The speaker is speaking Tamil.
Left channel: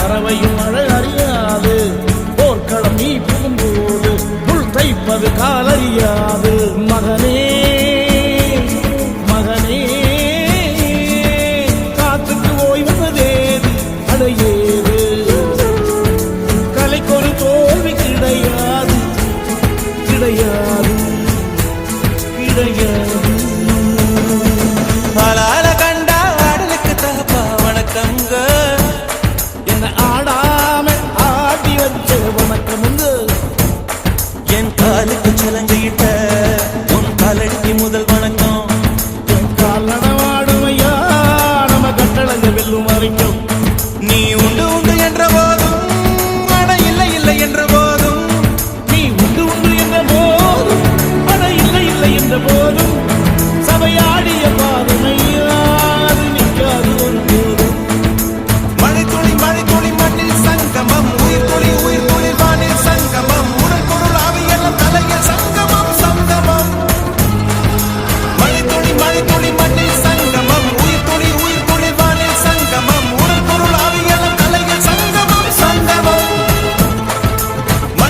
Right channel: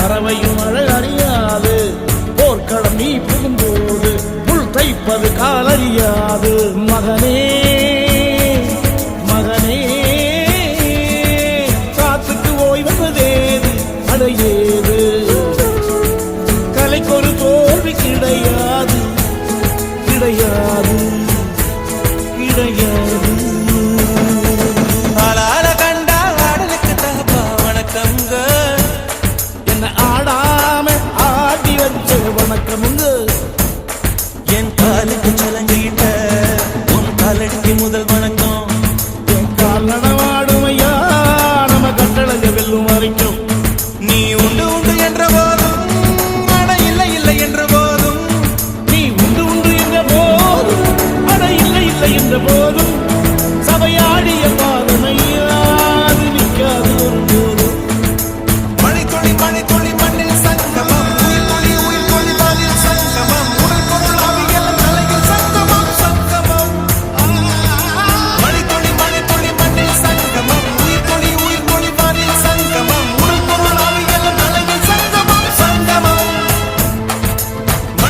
பறவையும் மழை அறியாது, போர்க்களம் நீ புகும்போது புல் தைப்பது காலறியாது. மகனே மகனே காத்துக்கு ஓய்வதேது அடையேது, கலைக்கொரு தோல்வி கிடையாது கிடையாது கிடையாது. ஆளால கண்டா ஆடலுக்கு தகப்பா வணக்கம்ங்க, என்ன ஆடாம ஆடி வச்ச வணக்கமுங்க. என் காலுக்கு சலங்கையிட்ட உன் காலடிக்கு முதல்